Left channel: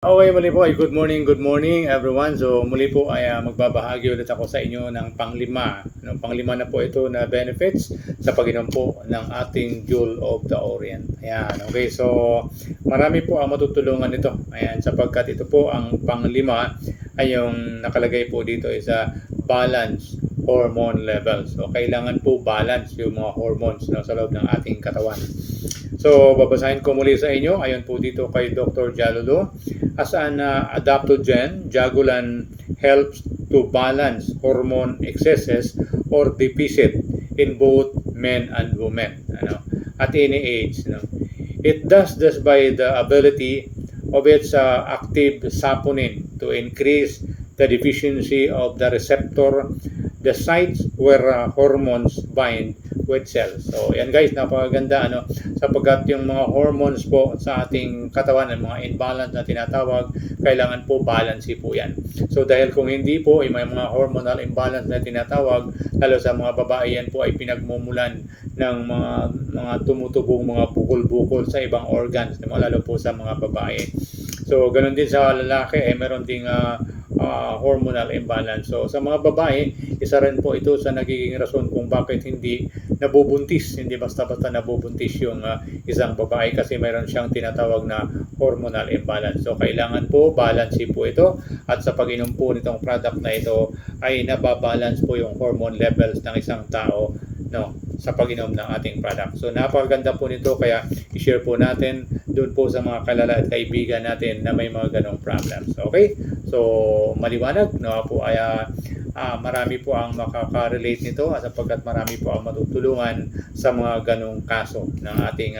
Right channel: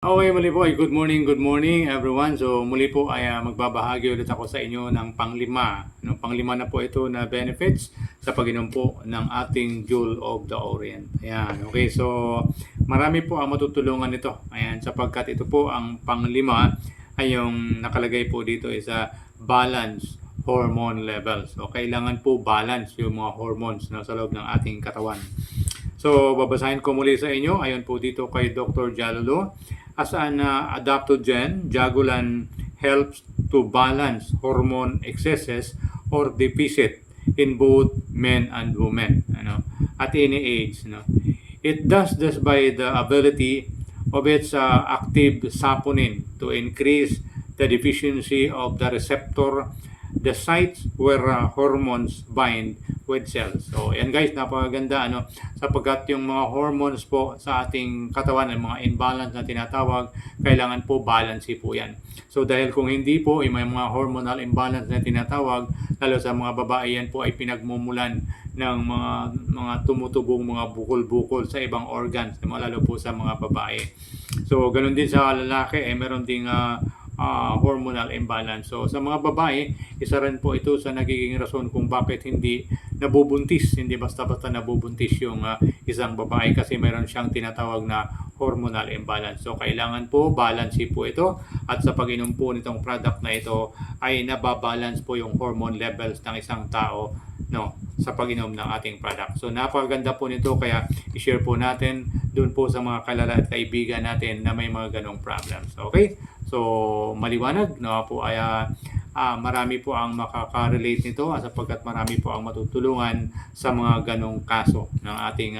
Okay, muli po ay good morning everyone. So muli po ay magbabahagi ulit ako sa inyo ng panglima. Panglima na po ito na benefits sa pag-inom po ng ating Jewel of the Orient. Ayan, okay. So marami po ang matutulungan nito. Ayan, sapagkat ito po ang panglima ay yung nakalagay po dito is balance hormone levels. So kailangan po balance yung mga hormones sa loob ng ating katawan. So, babasahin ko muli sa inyo. Ayon po dito kay Dr. Jalolo. As an adaptogen, Jagulan helps to balance hormone excesses or deficit in both men and women at any age. It does this by the ability of its active saponin to increase the deficiency of the receptor, the sites where hormones bind with cells. So, yan guys, napakaganda sapagkat yung mga hormones po sa ating katawan, ng mga imbalance na tinatawag, kailangan po balance po yan. So, dahil kung hindi po, may mga hormonal imbalance na tinatawag, lalo sa mga babae, yan po ay pinagmumulan ng mga tumutubong mga bukol-bukol sa ibang organs, lalo po sa mga babae. So, ganun din sa lalaki, meron ding hormonal imbalance. So, sa mga babae, isa rin po ito sa nagiging rason kung bakit hindi nabubuntis, hindi basta-basta nabubuntis yung isang babae kasi mayroon siyang tinatawag na hormonal imbalance. So, kailangan po balance po ito at sa pag-inom po nitong product na ito ay nababalance po yung hormone levels ng isang tao sa pag-inom ng ating product. So napakaganda po nito kaya i-share po natin doon po sa mga kalala at kaibigan natin na may mga ganong problems. Okay? So maliwanag po ay marami po ang makaka-relate nito sapagkat marami po ang matutulungan sa mga ganong kaso ng ating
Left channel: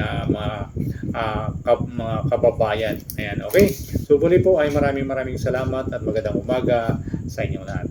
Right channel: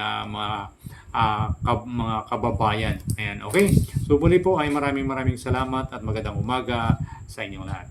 mga kababayan. Ayan, okay? So muli po ay maraming salamat at magandang umaga sa inyong lahat.